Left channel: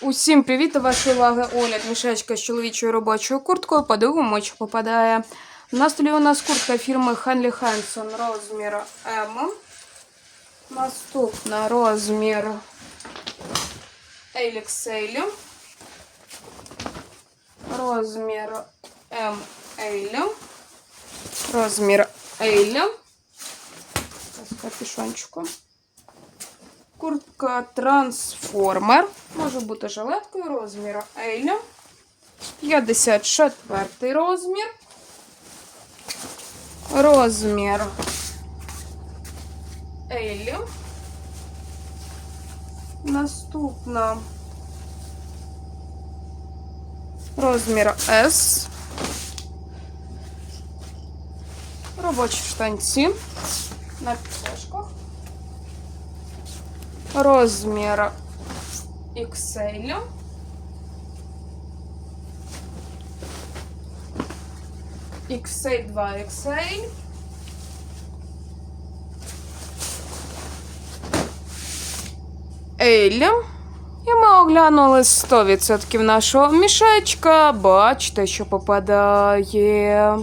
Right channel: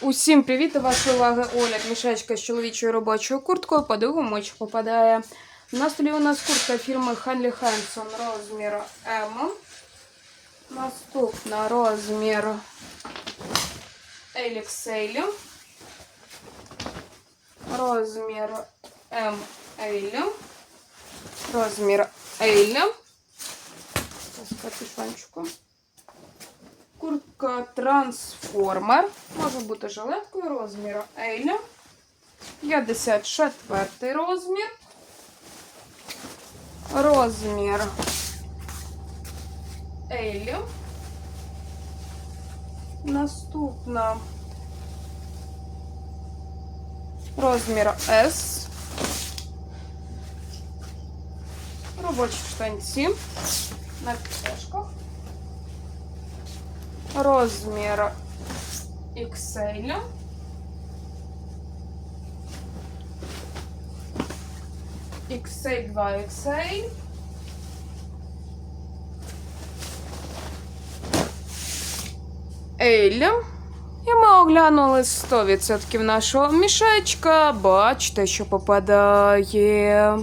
Усім привіт до вашої уваги огляд мішечка з чоловічою робочою курткою. Подивимо, чи попадає. На столі у нас куртка фірми Хенлі Хенсон розміру М. Наступна розмір XL. Розмір ML. Розмір L. З капюшончиком. Куртка трансформер. Може бути жилеткою розміру L. 54 розмір. Розмір L. Наступна розмір S. Робочі штанці на підкошках. Розмір XL. XL 2XL. L. І ми оглянули 100% нашого мішечка. Бачите, що попадає.